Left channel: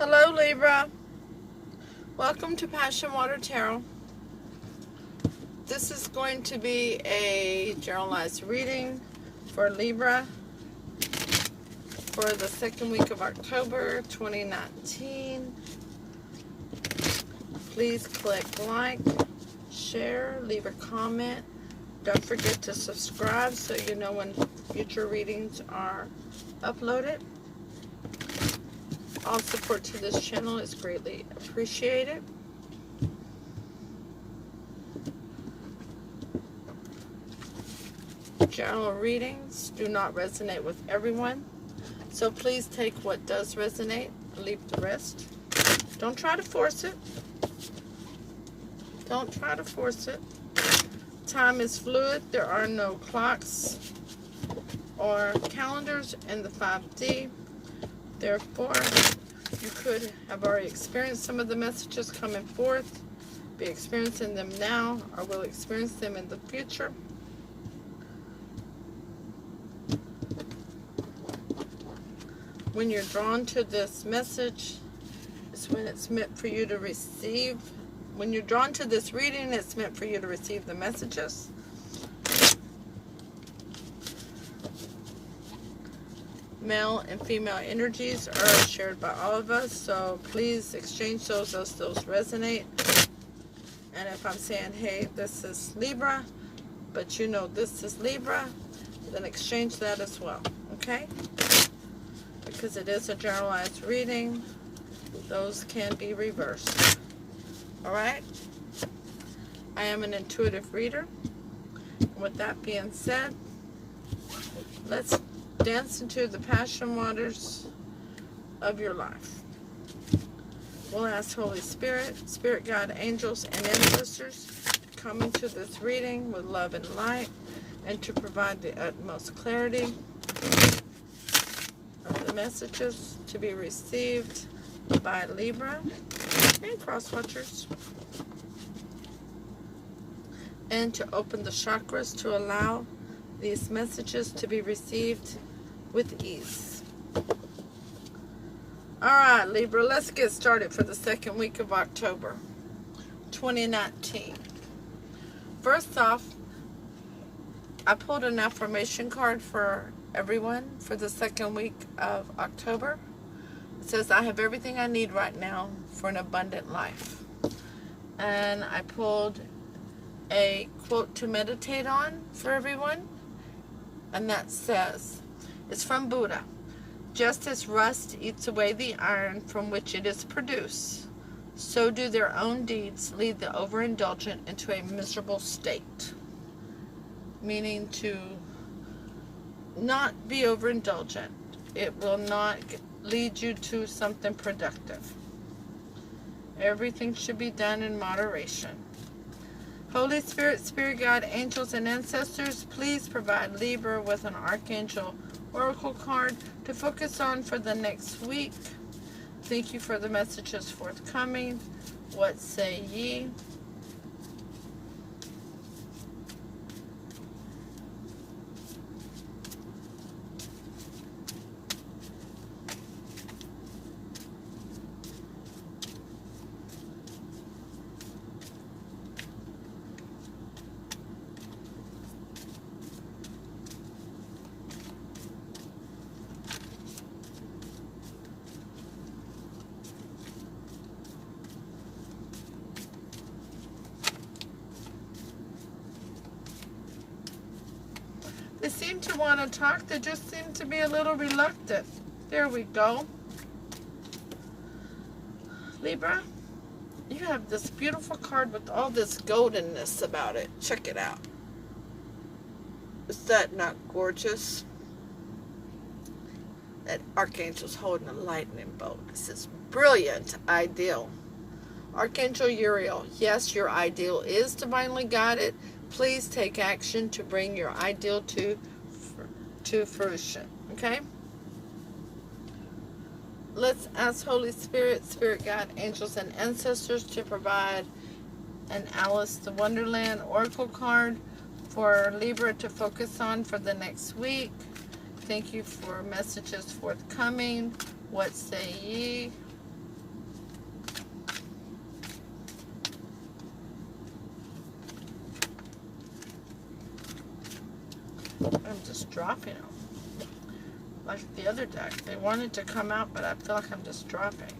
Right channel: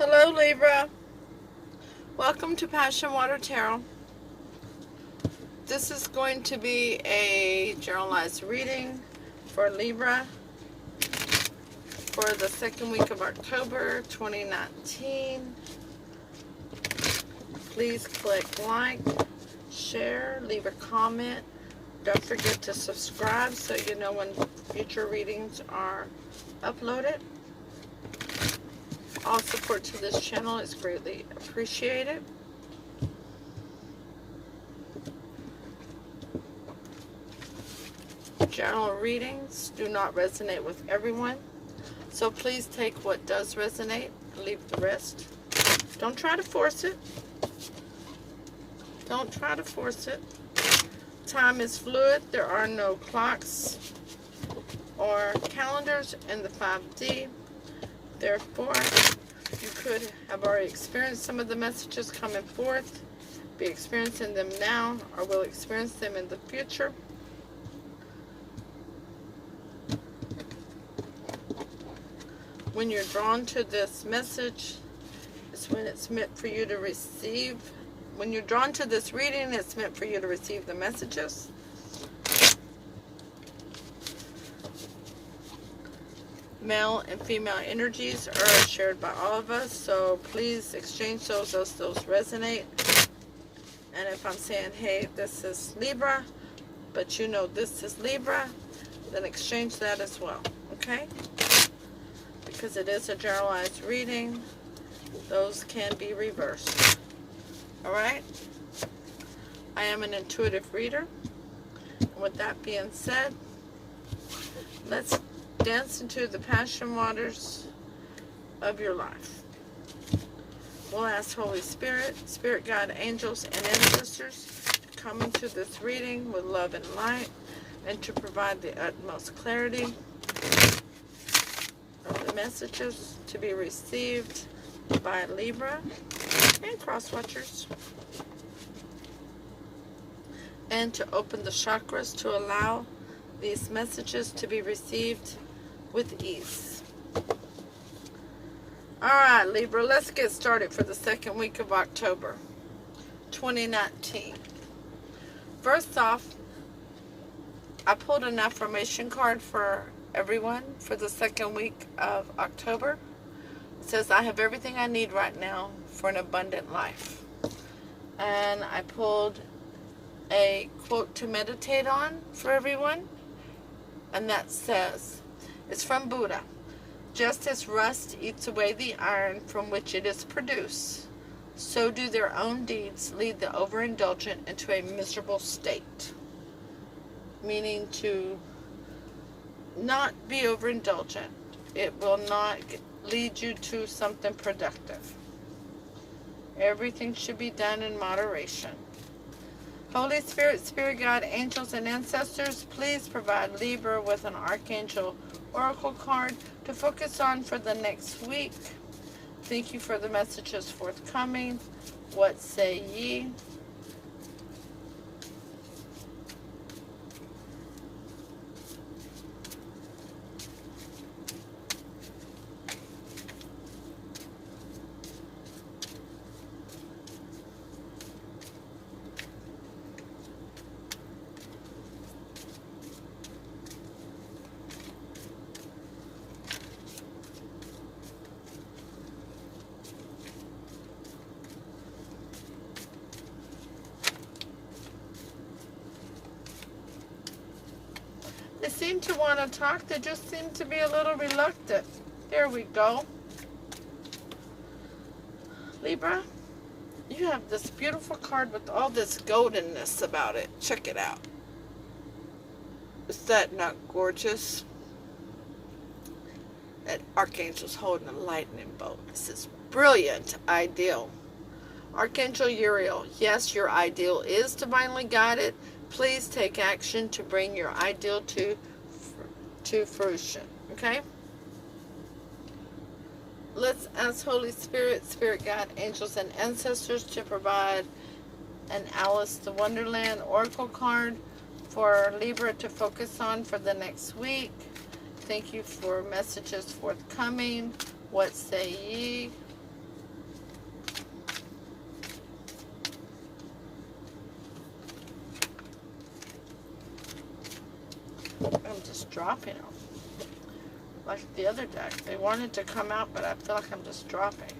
Hello Libra, welcome to Passion Water Tarot. This is going to be a generalized reading for Libra for the second week of October 2019. Please click like, share, leave a comment. Don't forget to subscribe so you know when future readings are uploaded. All support to this channel is greatly appreciated. General readings do not resonate with everyone, so please take what does resonate and leave the rest. Don't try to force it. Don't try to force it. Time is fluid. There are no clocks or calendars in the 5D. Therefore, you could have already experienced some of the messages coming forth, be experiencing them now, or will experience them in the future. When you're drawn to this message, it's when it's meant for you to receive. When you're drawn to this reading, it's meant for you to receive the messages. Male and female energies are shared by all of us, so please exchange those as those resonate. And if I'm saying, hey, this is Libra, but you know this is Libra, then exchange that as well, okay? Because it is a generalized reading, those can be reversed. Alright? I am an intuitive reader. With that being said, let's dance into the passion waters of your life. We'll ask Holy Spirit, Spirit Guide, angels, and ancestors to come into this reading with love and light and to provide the utmost clarity of the messages to be received by Libra and cross watchers, and to open the chakras to allow these messages to be received with ease. Alright, Libra, let's get started for the second week of October 2019. First off, I pulled an affirmation card for everyone for the second week of October. It says, I have everything I need right now for an abundant life. And I pulled a quote to meditate on for everyone. And that says, it's from Buddha. Just as rust eats away the iron from which it is produced, so do their own deeds lead the overindulgent into a miserable state. Meaning to not be overindulgent. It will not lead you to something productive. Everything should be done in moderation. Holy Spirit, Spirit Guide, angels, and ancestors, please provide Libra with an Archangel Oracle card to focus on for the next week. Thank you for the messages forthcoming. What say ye? They seem to want to talk. They just seem to be a little reluctant. There we go. Libra, you have this beautiful card with all this goldenness about it. Check it out. Is that not gorgeous? That Archangel's holding a lightning bolt. This is brilliant. Ideal. Archangel Uriel, yes, your ideal is divinely guided. Please take action to bring your ideal to fruition. Okay? Let's ask Holy Spirit, Spirit Guide, angels, and ancestors to provide an Alice to Wonderland Oracle card for Libra to focus on for the next week. Thank you for messages forthcoming. What say ye? I'm just dropping them. Like the other deck. They wanted to come out, but I feel like I'm just dropping.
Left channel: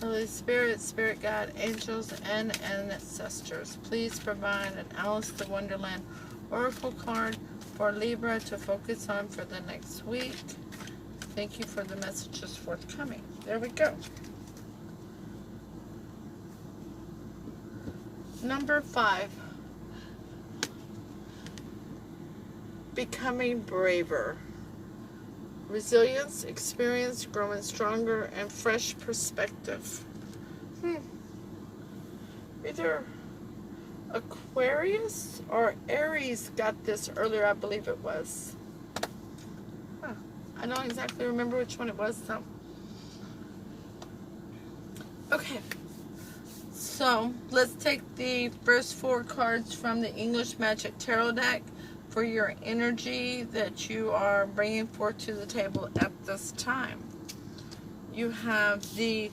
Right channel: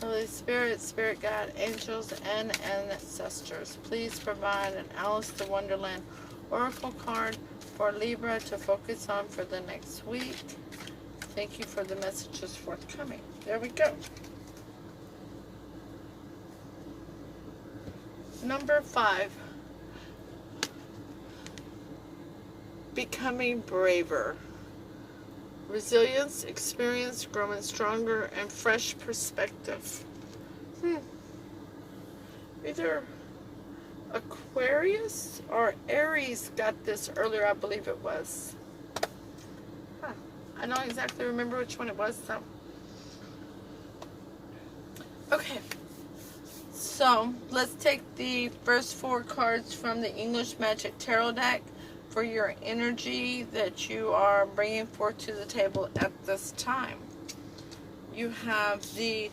Holy Spirit, Spirit God, angels, and ancestors, please provide an Alice the Wonderland Oracle card for Libra to focus on for the next week. Thank you for the messages forthcoming. There we go. Number 5. Becoming braver. Resilience, experience, growing stronger, and fresh perspective. Either Aquarius or Aries got this earlier, I believe it was. I don't exactly remember which one it was, though. Okay. So, let's take the first 4 cards from the English Magic Tarot deck for your energy that you are bringing forth to the table at this time. You have the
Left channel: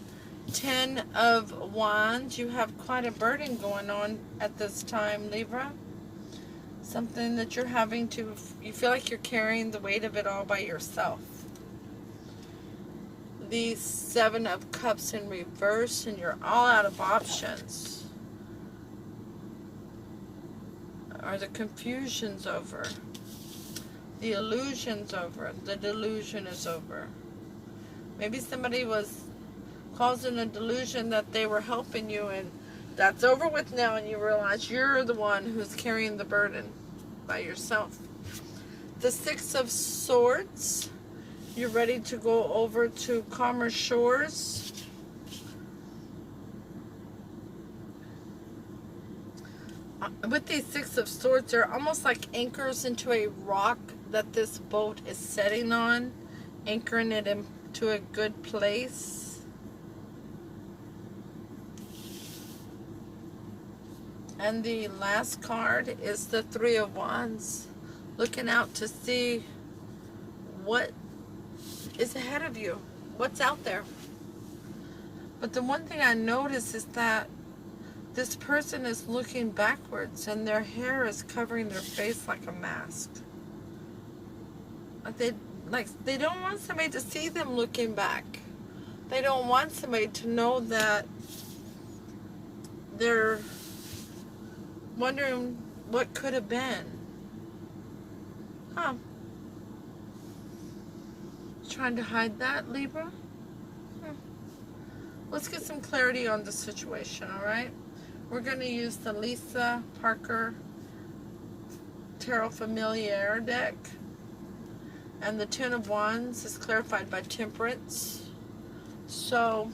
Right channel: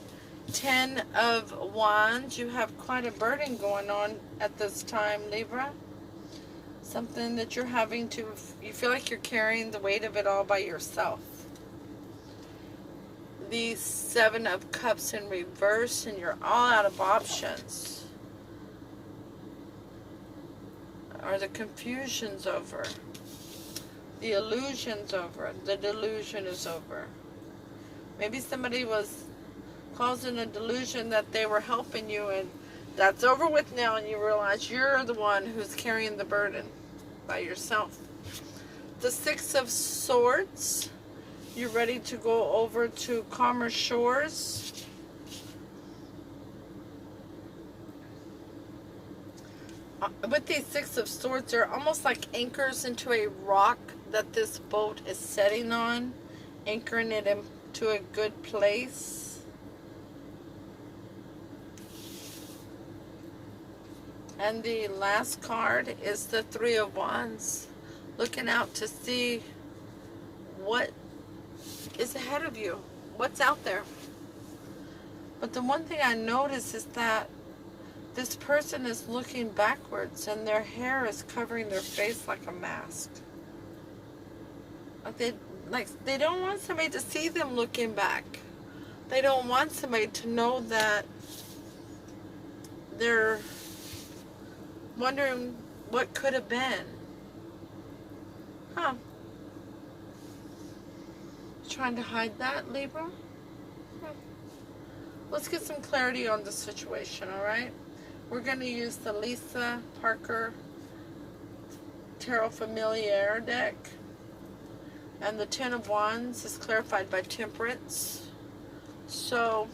10 of Wands. You have quite a burden going on at this time, Libra. Something that you're having to, you feel like you're carrying the weight of it all by yourself. The 7 of Cups in reverse, and you're all out of options. Or the confusion's over. The illusion's over. The delusion is over. Maybe somebody was causing a delusion that they were helping you, and that's over with now, and you realize you're the one who's carrying the burden by yourself. The 6 of Swords. You're ready to go over to calmer shores. With these 6 of Swords, they're almost like anchors into a rock that this boat is setting on, anchoring it into a good place. And the last card is the 3 of Wands, looking out to see what is ahead of you, what's out there. But the one thing I notice is that this person is looking backwards, and their hair is covering their face like a mask. They don't want somebody to see them looking back. They don't want somebody to know that they're wondering what could have been. Trying to hide that, Libra? Let's get some clarity on the situation, all right? We're going to use the Lisa Parker Tarot Familiar deck. And the 10 of Wands is clarified by Temperance. So,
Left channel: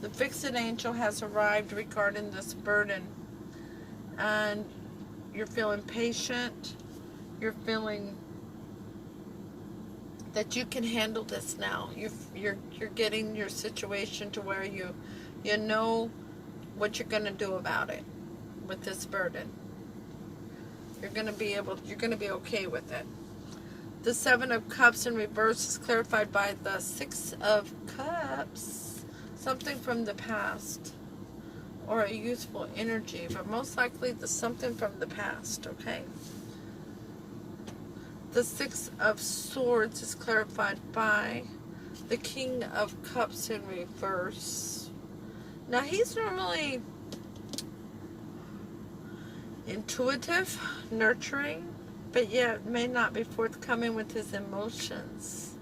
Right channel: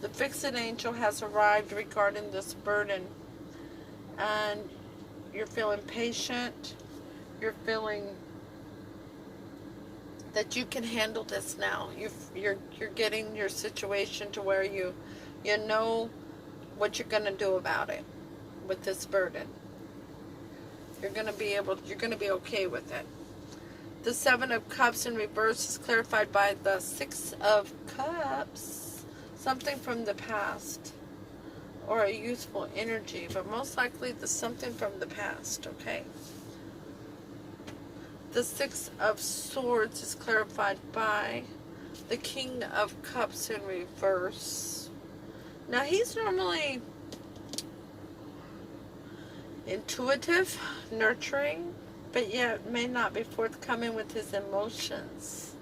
the fixed angel has arrived regarding this burden. And you're feeling patient. You're feeling that you can handle this now. You're getting your situation to where you know what you're going to do about it with this burden. You're going to be okay with it. The 7 of Cups in reverse is clarified by the 6 of Cups. Something from the past or a youthful energy, but most likely the something from the past, okay? The 6 of Swords is clarified by the King of Cups in reverse. Now, he's normally intuitive, nurturing, but yet may not be forthcoming with his emotions.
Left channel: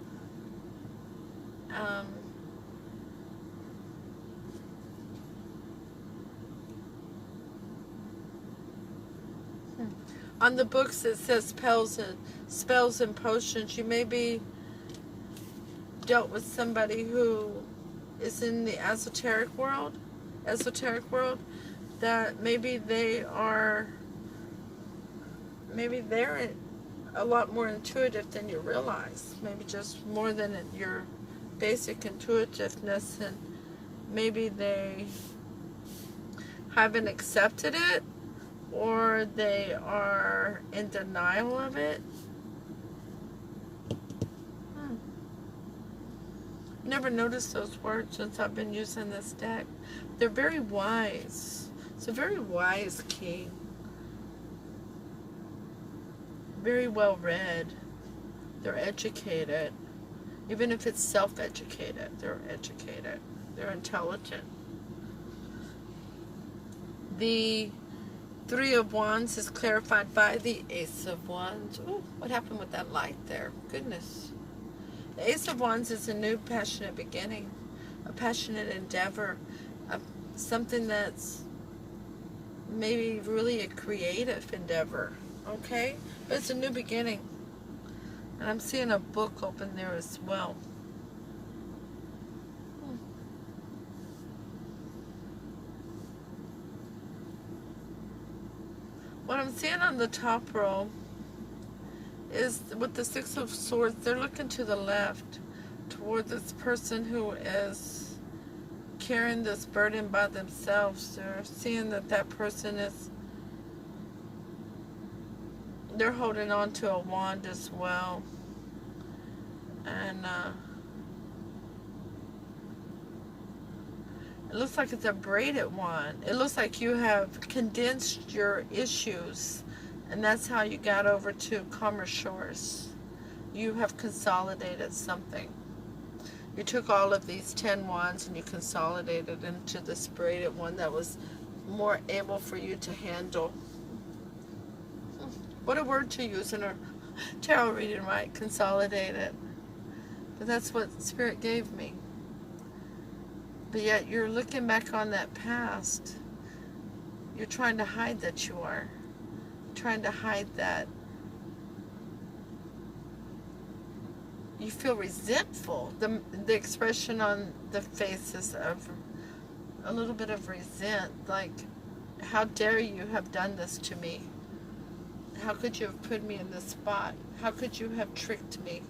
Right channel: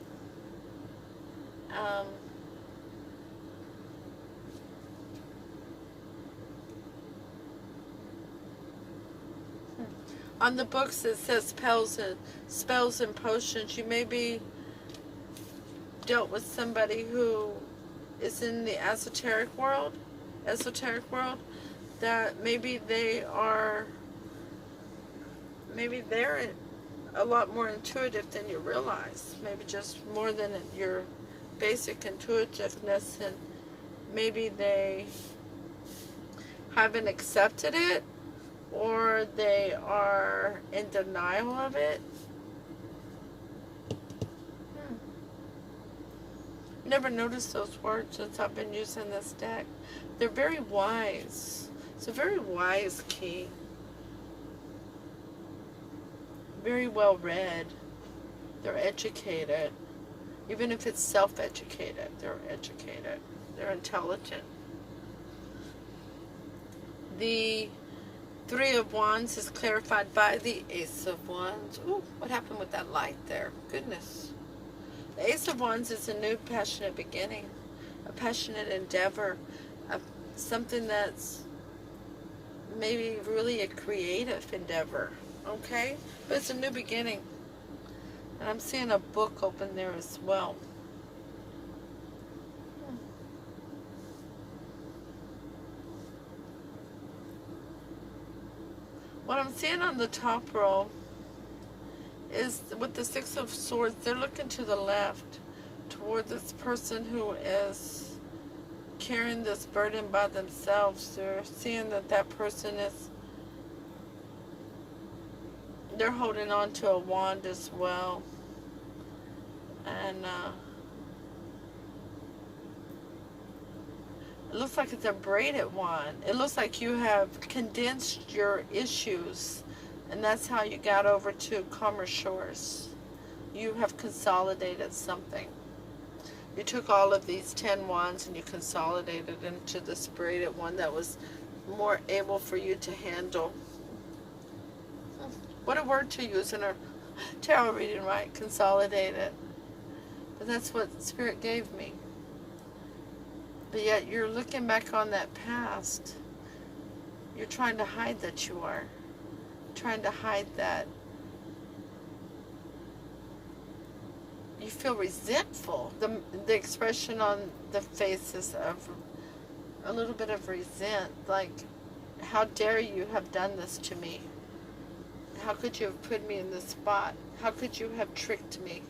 On the books it says spells and potions. You may be dealt with somebody who is in the esoteric world, that maybe they're a lot more intuitive than you realize. Maybe just more than your basic intuitiveness, and maybe they haven't accepted it, or they are in denial of it. never noticed those words since I've been using this deck. They're very wise. It's a very wise king. Very well read. They're educated. Even if it's self-educated, they're educated. They're intelligent. The Three of Wands is clarified by the Ace of Wands. Ooh, what happened with that light there? Goodness. The Ace of Wands is a new passionate beginning, a passionate endeavor, something that's maybe really a creative endeavor, okay? But it's a new beginning. And I'm seeing a book open there as well. What I'm seeing on the top row is with the Six of Swords, they're looking to the left toward this person who is carrying this burden by themselves. They're seeing that that person is, they're holding on to a wand as well. And it looks like it's a braided wand. It looks like you have condensed your issues, and that's how you got over to calmer shores. You have consolidated something. You took all of these 10 wands and you consolidated into this braided one that was more able for you to handle. What a word to use in a tarot reading, right? Consolidated. But that's what Spirit gave me. But yet you're looking back on that past. You're trying to hide that you are. Trying to hide that. You feel resentful. The expression on the face is of a little bit of resent. Like, how dare you have done this to me? How could you have put me in this spot? How could you have tricked me?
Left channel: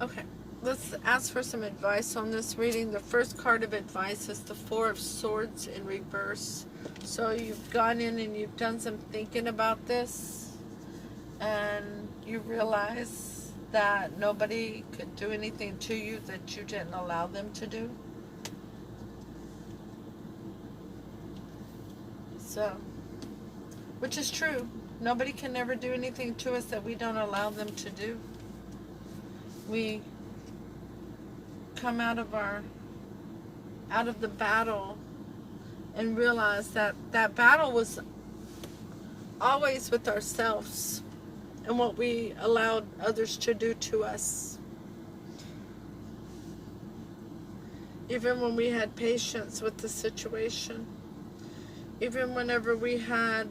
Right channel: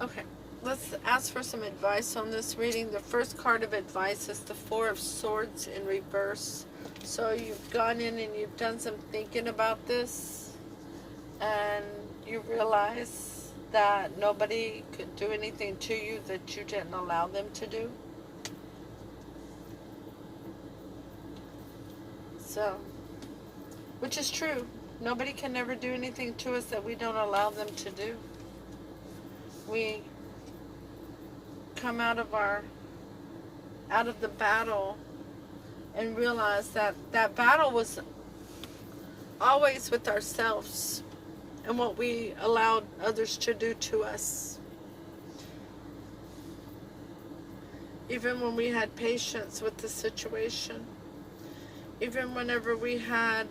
Okay, let's ask for some advice on this reading. The first card of advice is the Four of Swords in reverse. So you've gone in and you've done some thinking about this, and you realize that nobody could do anything to you that you didn't allow them to do. So, which is true. Nobody can ever do anything to us that we don't allow them to do. We come out of the battle and realize that that battle was always with ourselves and what we allowed others to do to us. Even when we had patience with the situation, even whenever we had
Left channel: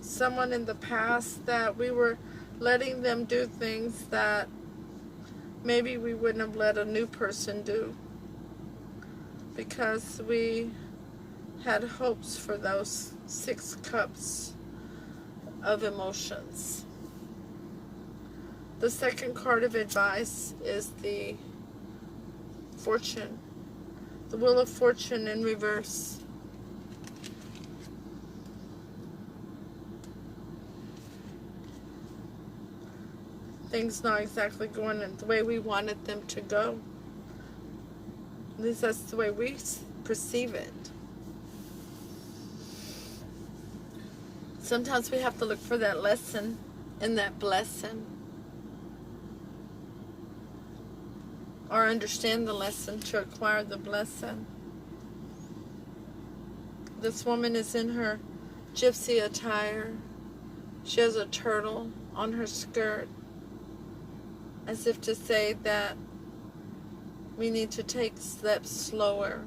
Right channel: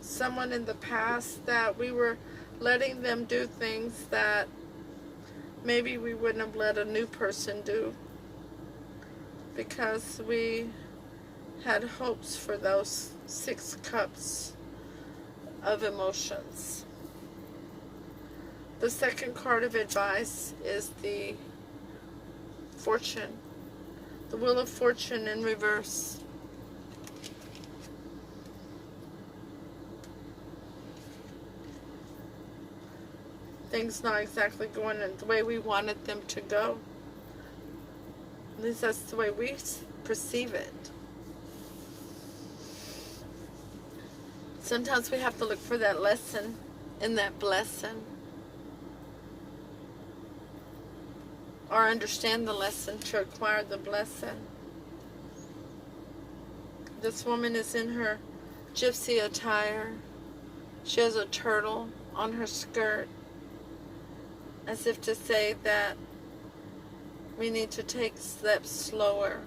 someone in the past that we were letting them do things that maybe we wouldn't have let a new person do, because we had hopes for those 6 cups of emotions. The second card of advice is the Fortune, the Wheel of Fortune in reverse. Things not exactly going in the way we wanted them to go. At least that's the way we perceive it. Sometimes we have to look for that lesson in that blessing, or understand the lesson to acquire the blessing. This woman is in her gypsy attire. She has a turtle on her skirt, as if to say that we need to take steps slower,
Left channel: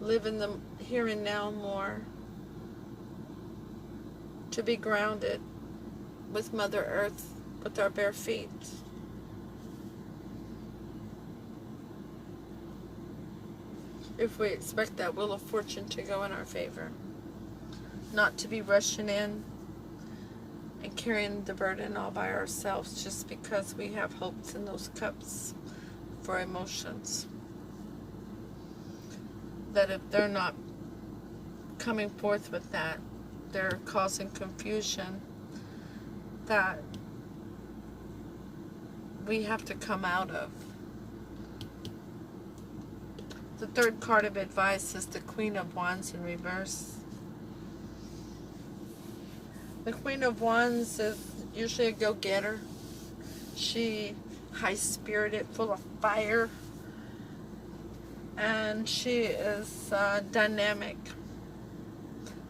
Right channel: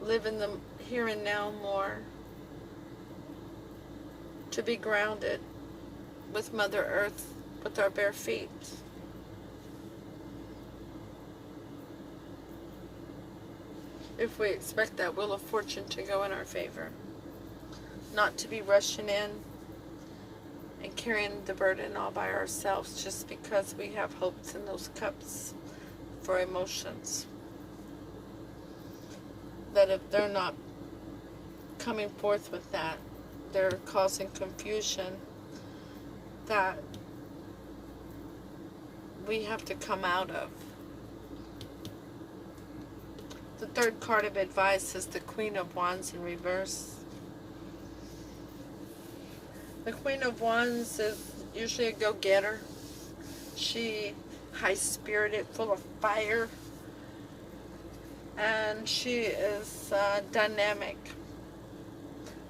live in the here and now more, to be grounded with Mother Earth, with our bare feet. If we expect that Wheel of Fortune to go in our favor, not to be rushing in and carrying the burden all by ourselves just because we have hopes in those cups for emotions. That if they're not coming forth with that. They're causing confusion that we have to come out of. The third card of advice is the Queen of Wands in reverse. The Queen of Wands is usually a go-getter. She high-spirited, full of fire. And she is dynamic.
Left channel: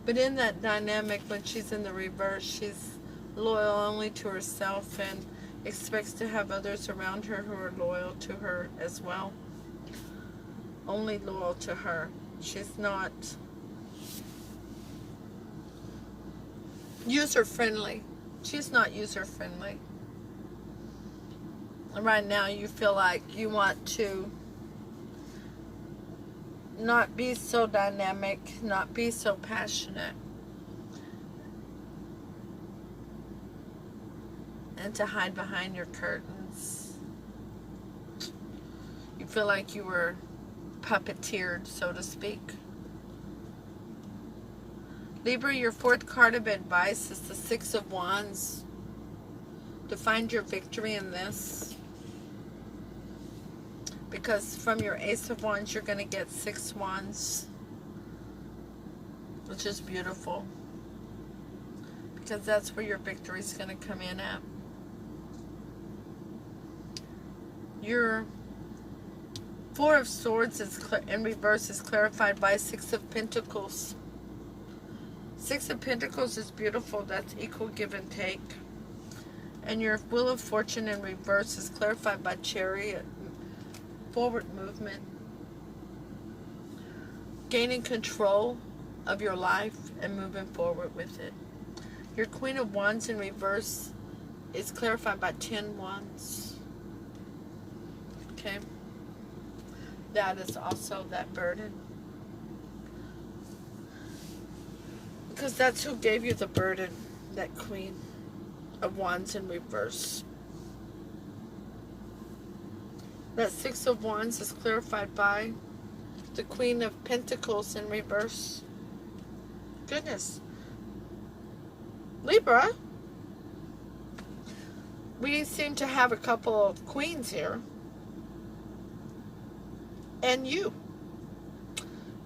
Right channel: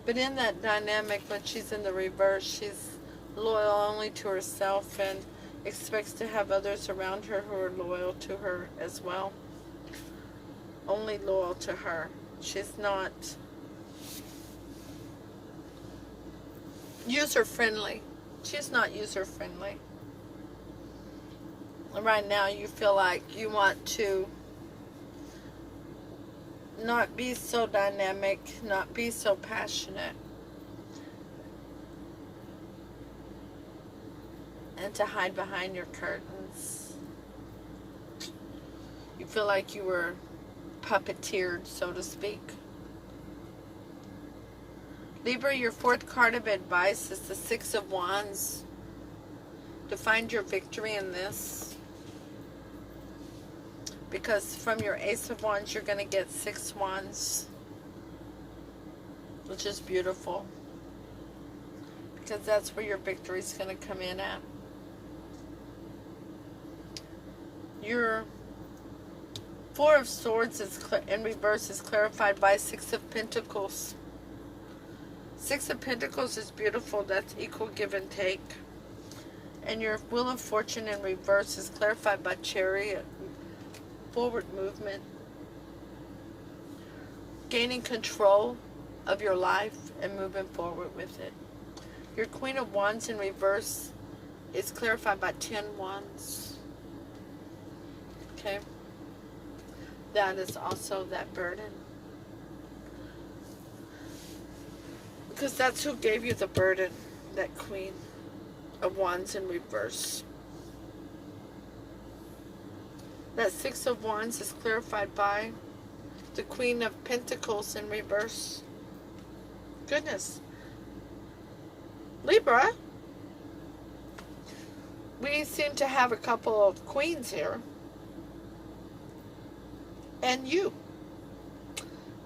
But in that dynamic, when she's in the reverse, she's loyal only to herself and expects to have others around her who are loyal to her as well. Only loyal to her. She's not user-friendly. She's not user-friendly. Right now you feel like you want to not be so dynamic, not be so passionate, and to hide behind your curtains. You feel like you were puppeteered, so to speak. Libra, your fourth card of advice is the Six of Wands. To find your victory in this. Because from your Ace of Wands, you're going to get 6 Wands. Which is beautiful. Because that's where your victory is going to come in at. Your Four of Swords is in reverse is clarified by 6 of Pentacles. 6 of Pentacles is beautiful. That's equal give and take. And your Wheel of Fortune in reverse is clarified by Chariot. Forward movement. Gaining control of your life and moving forward with it. Your Queen of Wands in reverse is clarified by 10 Wands. Okay. That is also that burden. Because that's who gave you the burden, that Queen of Wands in reverse. That 6 of Wands is clarified by the Queen of Pentacles in reverse. Goodness. Libra, we seem to have a couple of queens here. And you.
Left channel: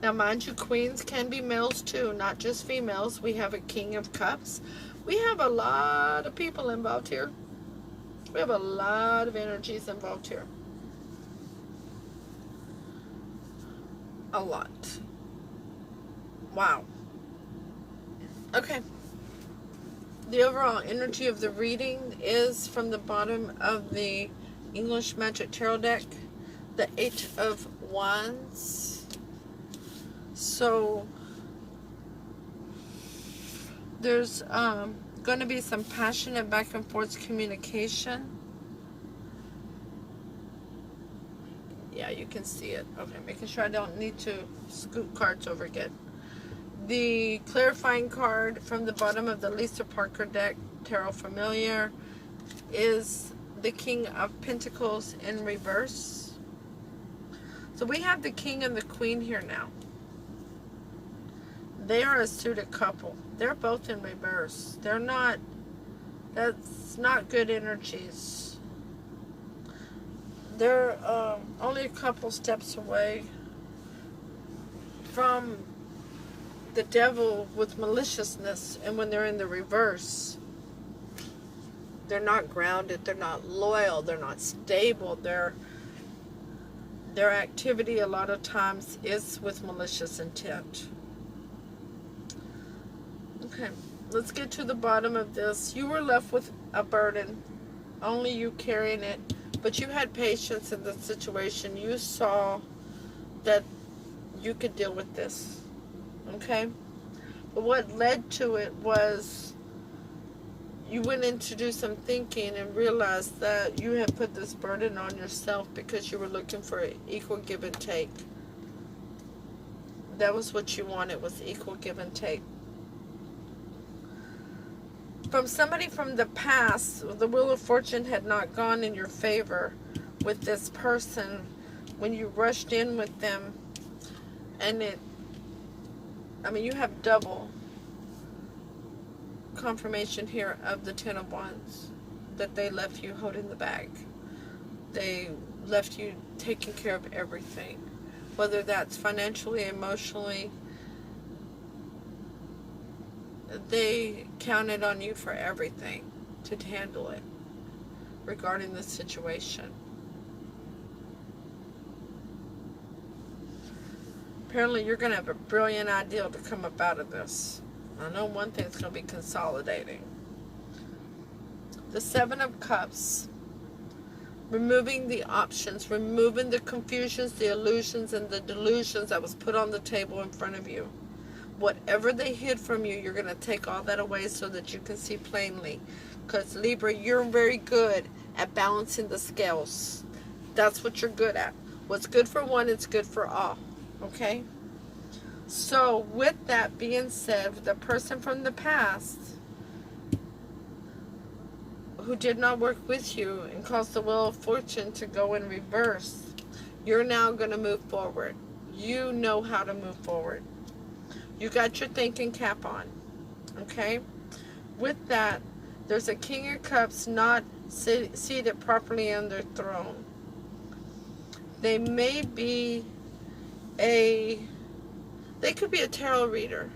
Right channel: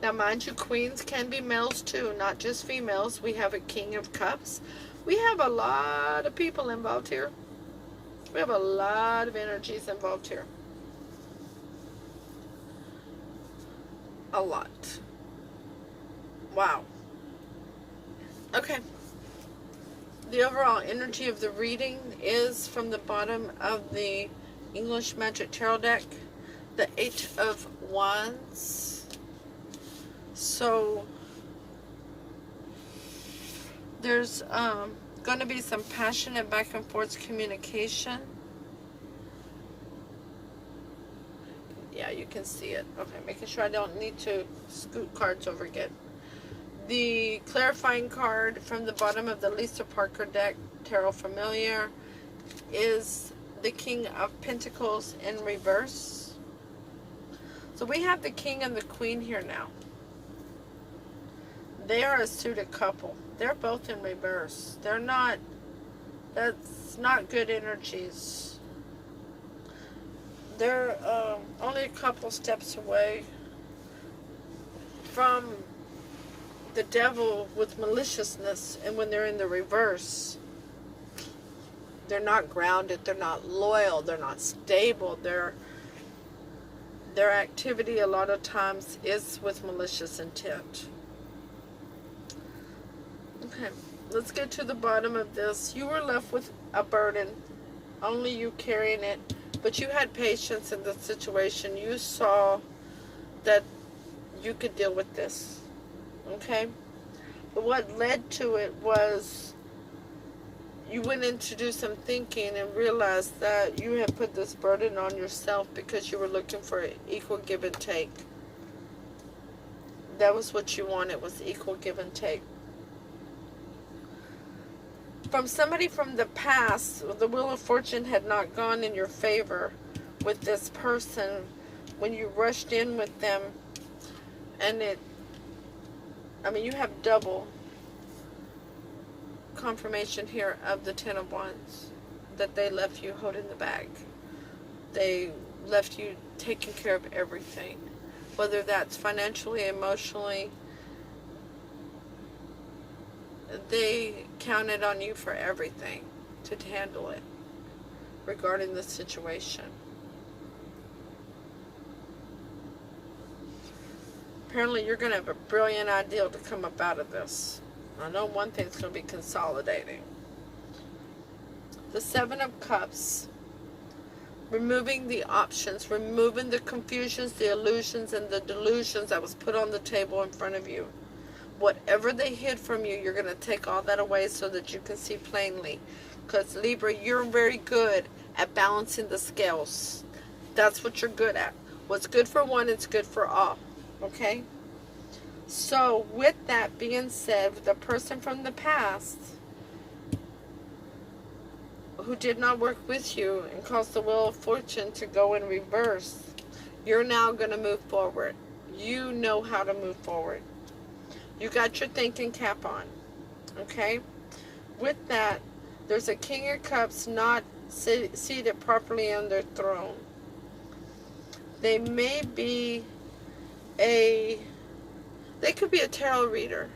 Now, mind you, queens can be males too, not just females. We have a King of Cups. We have a lot of people involved here. We have a lot of energies involved here. A lot. Wow. Okay. The overall energy of the reading is from the bottom of the English Magic Tarot deck, the 8 of Wands. So there's going to be some passionate back and forth communication. Yeah, you can see it. Okay, making sure I don't need to scoot cards over again. The clarifying card from the bottom of the Lisa Parker deck, Tarot Familiar, is the King of Pentacles in reverse. So we have the King and the Queen here now. They are a suited couple. They're both in reverse. They're not, that's not good energies. They're only a couple steps away from the devil with maliciousness. And when they're in the reverse, they're not grounded, they're not loyal, they're not stable. Their activity a lot of times is with malicious intent. Okay, let's get to the bottom of this. You were left with a burden, only you carrying it, but you had patience in the situation. You saw that you could deal with this, okay? But what led to it was you went in to do some thinking and realized that you had put this burden on yourself because you were looking for equal give and take. That was what you wanted, was equal give and take. From somebody from the past, the Wheel of Fortune had not gone in your favor with this person when you rushed in with them, and it I mean, you have double confirmation here of the Ten of Wands, that they left you holding the bag. They left you taking care of everything, whether that's financially, emotionally. They counted on you for everything to handle it regarding the situation. Apparently you're going to have a brilliant idea to come up out of this. I know one thing's going to be consolidating. The Seven of Cups. Removing the options, removing the confusions, the illusions, and the delusions that was put on the table in front of you. Whatever they hid from you, you're going to take all that away so that you can see plainly. Because Libra, you're very good at balancing the scales. That's what you're good at. What's good for one, it's good for all. Okay? So, with that being said, the person from the past who did not work with you and caused the wheel of fortune to go in reverse, you're now going to move forward. You know how to move forward. You got your thinking cap on. Okay? With that, there's a King of Cups not seated properly on their throne. They may be they could be a tarot reader.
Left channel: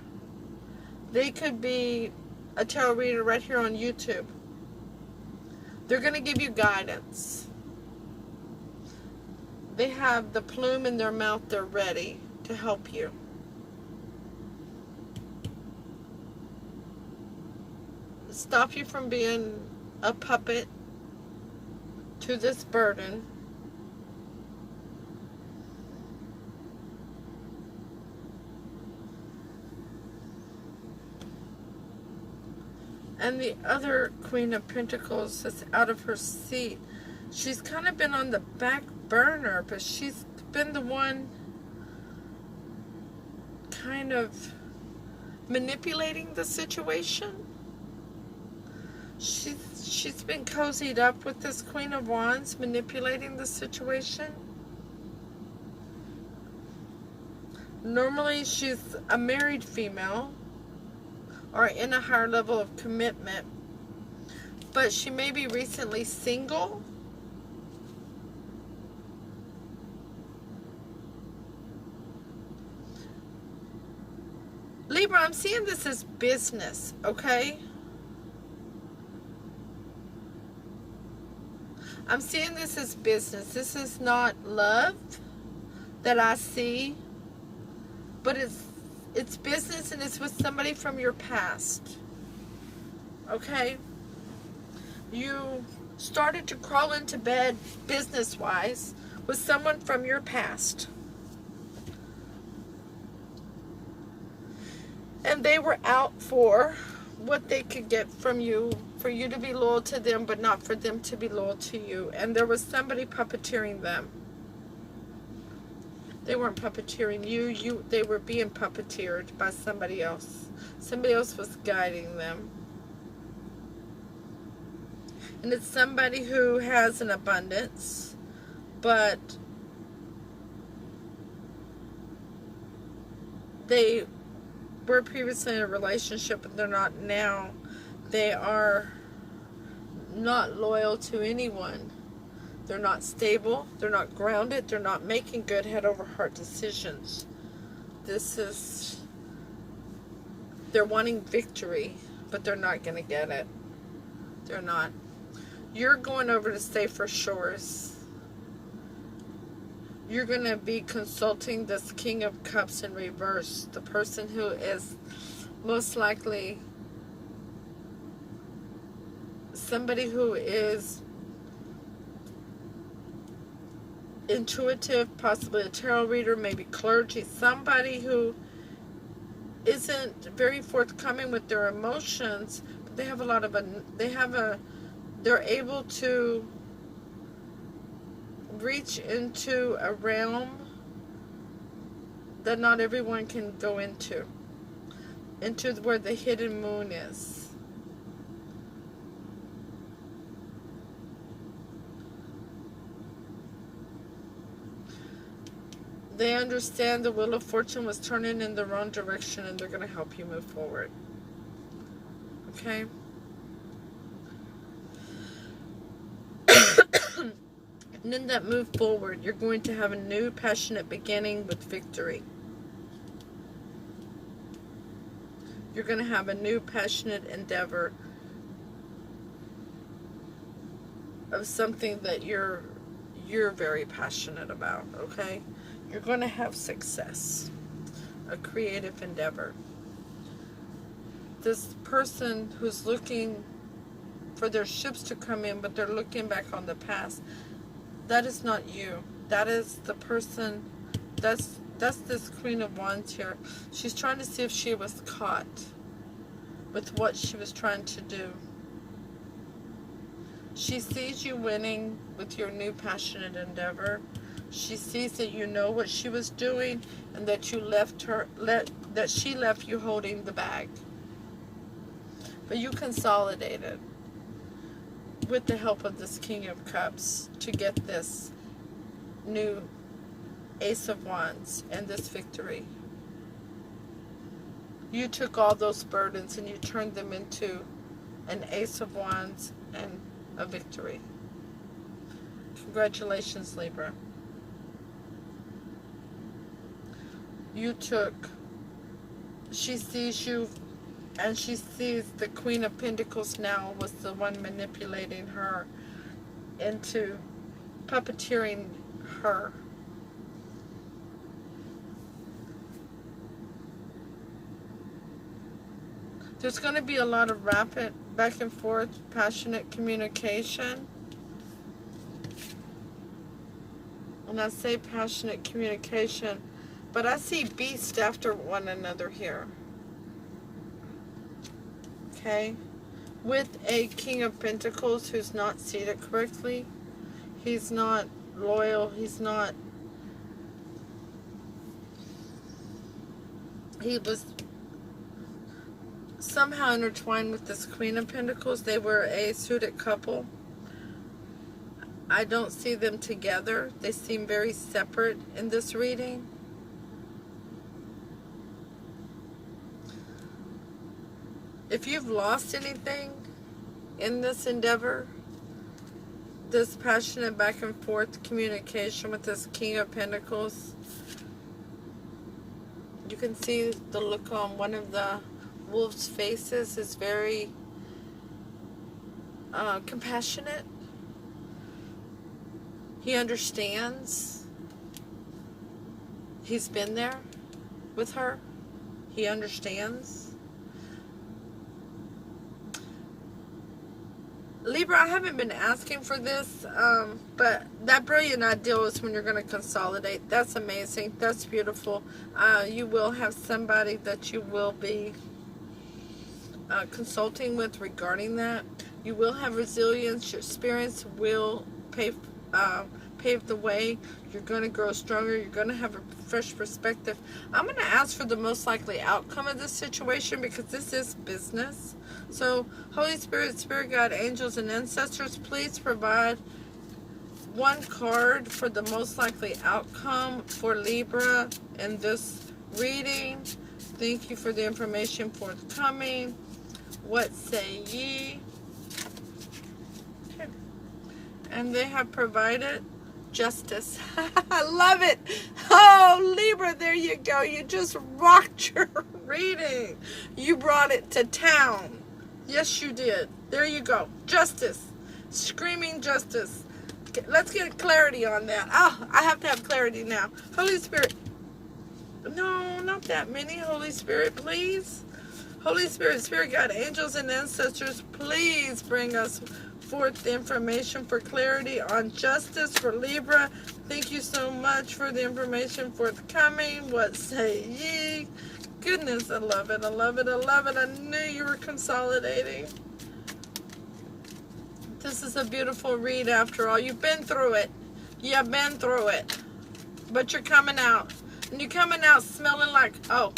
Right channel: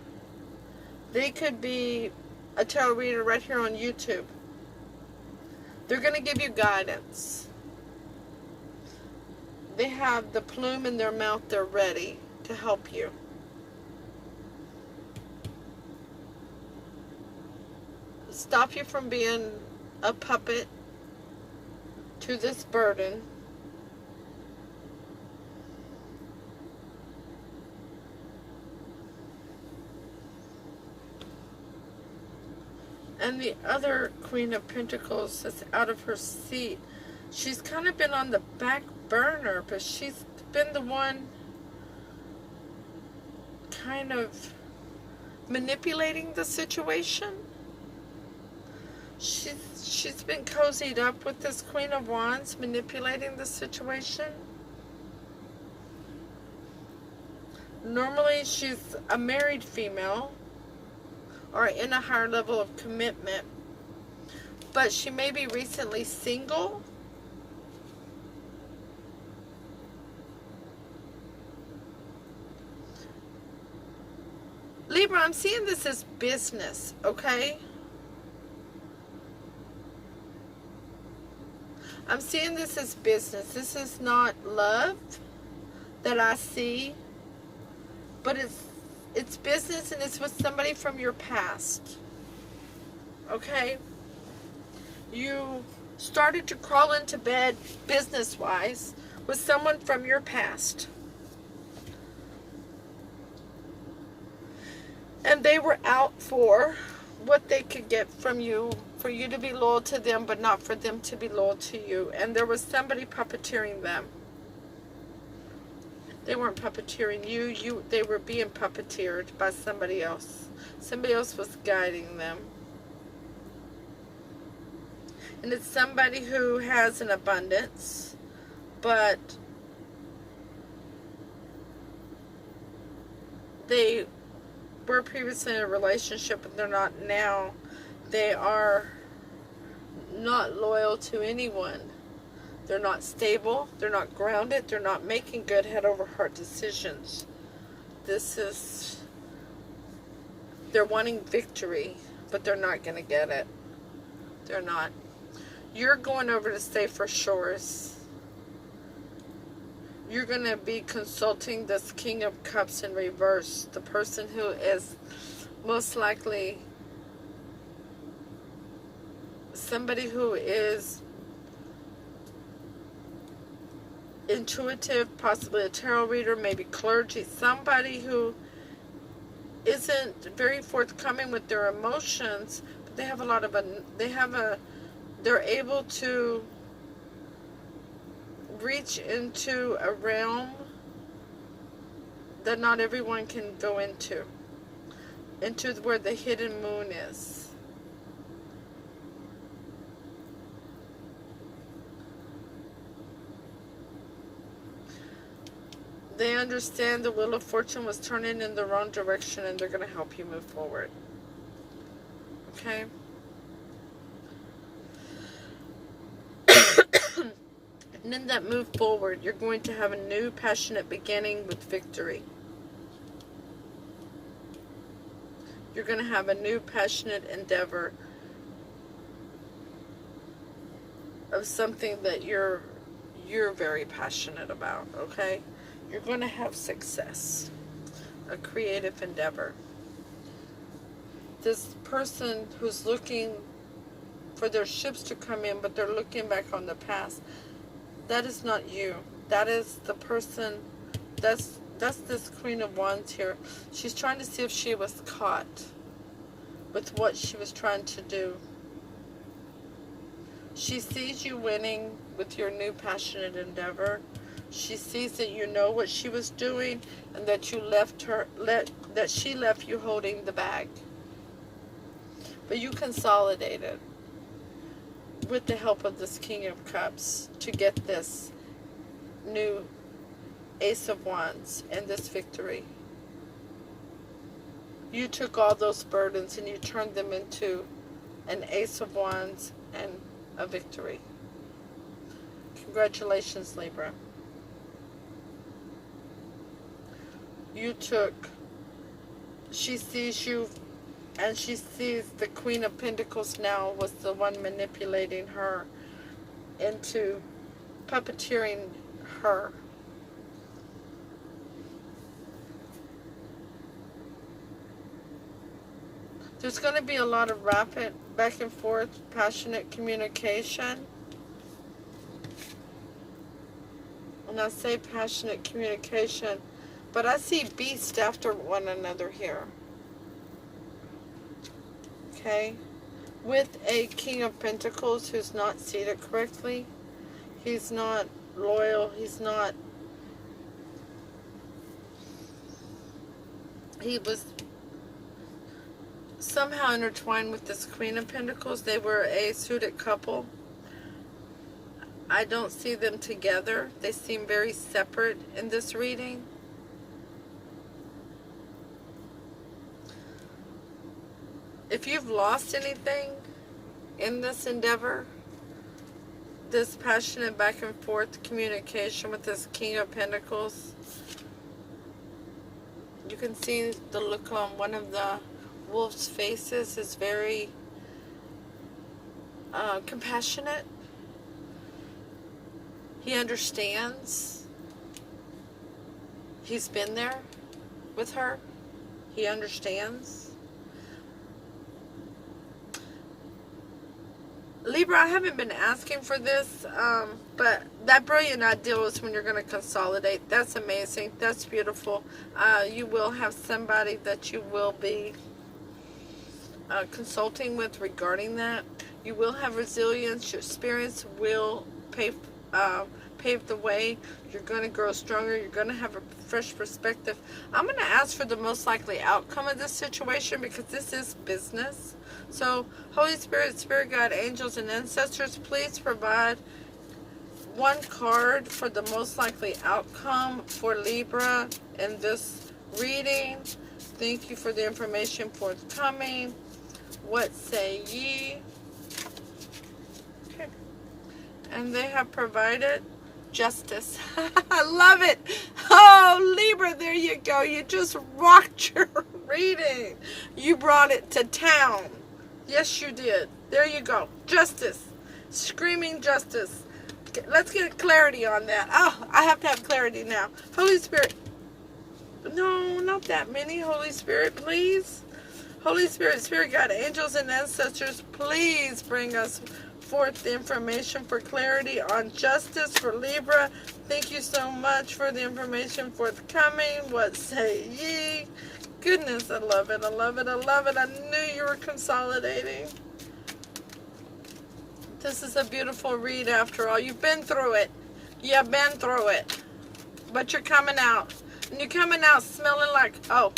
They could be a tarot reader right here on YouTube. They're going to give you guidance. They have the plume in their mouth. They're ready to help you. Stop you from being a puppet to this burden. And the other Queen of Pentacles is out of her seat. She's kind of been on the back burner, but she's been the one kind of manipulating the situation. She's been cozied up with this Queen of Wands, manipulating the situation. Normally she's a married female or in a higher level of commitment, but she may be recently single. Libra, I'm seeing this as business, okay? I'm seeing this as business. This is not love that I see, but it's business, and it's with somebody from your past. Okay? You started to crawl into bed business-wise with someone from your past. And they were out for what they could get from you, for you to be loyal to them, but not for them to be loyal to you. And there was somebody puppeteering them. They weren't puppeteering you. They were being puppeteered by somebody else. Somebody else was guiding them. And it's somebody who has an abundance, but they were previously in a relationship, but they're not now. They are not loyal to anyone. They're not stable. They're not grounded. They're not making good head over heart decisions. They're wanting victory, but they're not going to get it. They're not. You're going over to safer shores. You're going to be consulting this King of Cups in reverse. The person who is most likely somebody who is intuitive, possibly a tarot reader, maybe clergy, somebody who isn't very forthcoming with their emotions, but they have a lot of they're able to reach into a realm that not everyone can go into where the hidden moon is. They understand the Wheel of Fortune was turning in the wrong direction, and they're going to help you move forward. Okay? And in that move forward, you're going to have a new passionate beginning with victory. You're going to have a new passionate endeavor of something that you're very passionate about, okay? You're going to have success, a creative endeavor. This person who's looking for their ships to come in, but they're looking back on the past, that is not you. That is the person, that's this Queen of Wands here. She's trying to see if she was caught with what she was trying to do. She sees you winning with your new passionate endeavor. She sees that you know what she was doing, and that you that she left you holding the bag. But you consolidated with the help of this King of Cups to get this new Ace of Wands and this victory. You took all those burdens and you turned them into an Ace of Wands and a victory. Congratulations, Libra. She sees you, and she sees the Queen of Pentacles now was the one manipulating her into puppeteering her. There's going to be a lot of rapid back and forth, passionate communication. And I say passionate communication, but I see beasts after one another here. Okay? With a King of Pentacles who's not seated correctly. He's not loyal. He was somehow intertwined with this Queen of Pentacles. They were a suited couple. I don't see them together. They seem very separate in this reading. If you've lost anything in this endeavor, this passionate back and forth communication with this King of Pentacles, you can see the look on one of the wolf's faces is very compassionate. He understands. He's been there with her. He understands. Libra, I haven't been asking for this, but that brilliant ideal is when you're going to consolidate. That's amazing. That's beautiful. You will have somebody that you will be consulting with regarding that. You will have resilience. Your experience will pave the way. You're going to grow stronger. You're going to have a fresh perspective. I'm going to ask for the most likely outcome of this situation because this is business. So, Holy Spirit, Spirit Guide, angels, and ancestors, please provide one card for the most likely outcome for Libra in this reading. Thank you for the information forthcoming. What say ye? Okay. And they have provided justice. I love it. Oh, Libra, there you go. You just rocked your reading. You brought it to town. Yes, you did. There you go. Justice. Screaming justice. Let's get clarity on that. Oh, I have to have clarity now. Holy Spirit. No, not that many. Holy Spirit, please. Holy Spirit, Spirit Guide, angels, and ancestors, please bring us forth the information for clarity on justice for Libra. Thank you so much for the information forthcoming. What say ye? Goodness, I love it. I love it. I love it. I knew you were consolidating. This is a beautiful read after all. You've been through it. You've been through it. But you're coming out. And you're coming out smelling like, oh,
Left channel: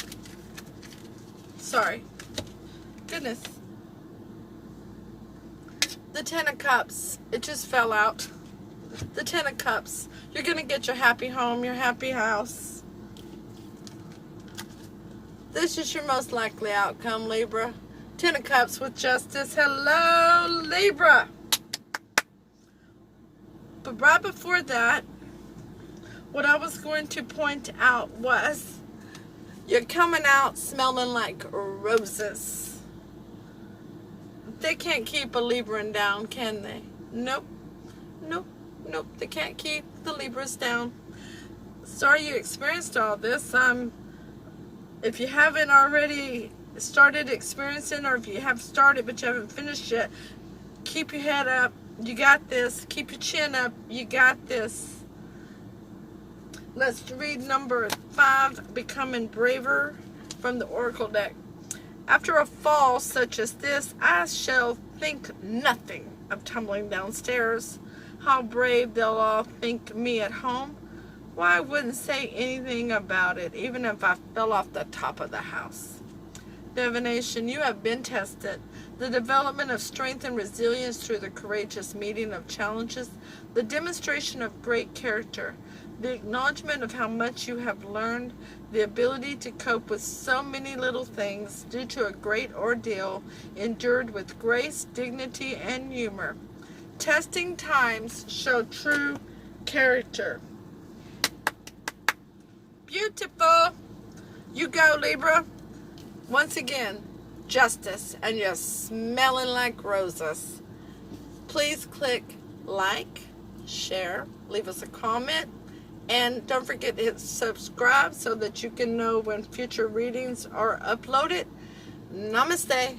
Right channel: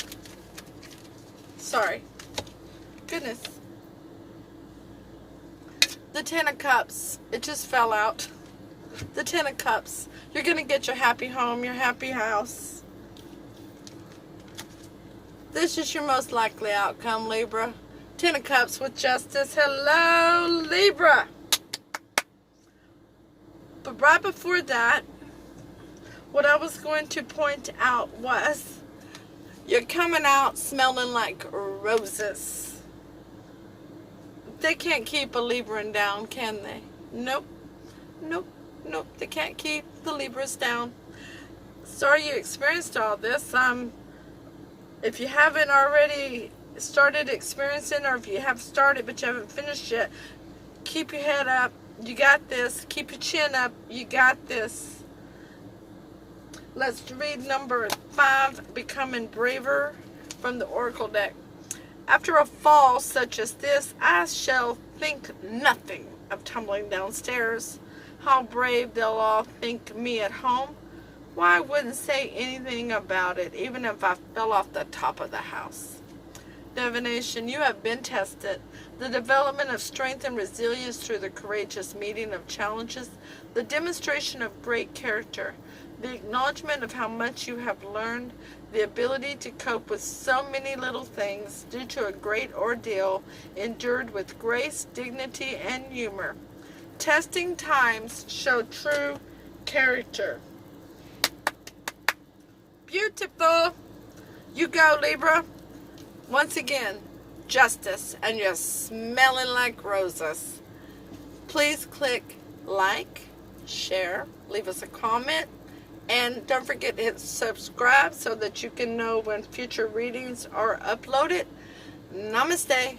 sorry. Goodness. The Ten of Cups. It just fell out. The Ten of Cups. You're going to get your happy home, your happy house. This is your most likely outcome, Libra. Ten of Cups with Justice. Hello, Libra. But right before that, what I was going to point out was you're coming out smelling like roses. They can't keep a Libran down, can they? Nope. Nope. Nope. They can't keep the Libras down. Sorry you experienced all this. If you haven't already started experiencing, or if you have started but you haven't finished yet, keep your head up. You got this. Keep your chin up. You got this. Let's read number 5, Becoming Braver, from the Oracle deck. After a fall such as this, I shall think nothing of tumbling downstairs. How brave they'll all think me at home. Why, I wouldn't say anything about it, even if I fell off the top of the house. Divination, you have been tested. The development of strength and resilience through the courageous meeting of challenges, the demonstration of great character, the acknowledgement of how much you have learned, the ability to cope with so many little things due to a great ordeal endured with grace, dignity, and humor. Testing times show true character. Beautiful. You go, Libra. Once again, Justice, and you're smelling like roses. Please click like, share, leave us a comment, and don't forget to hit subscribe so that you can know when future readings are uploaded. Namaste.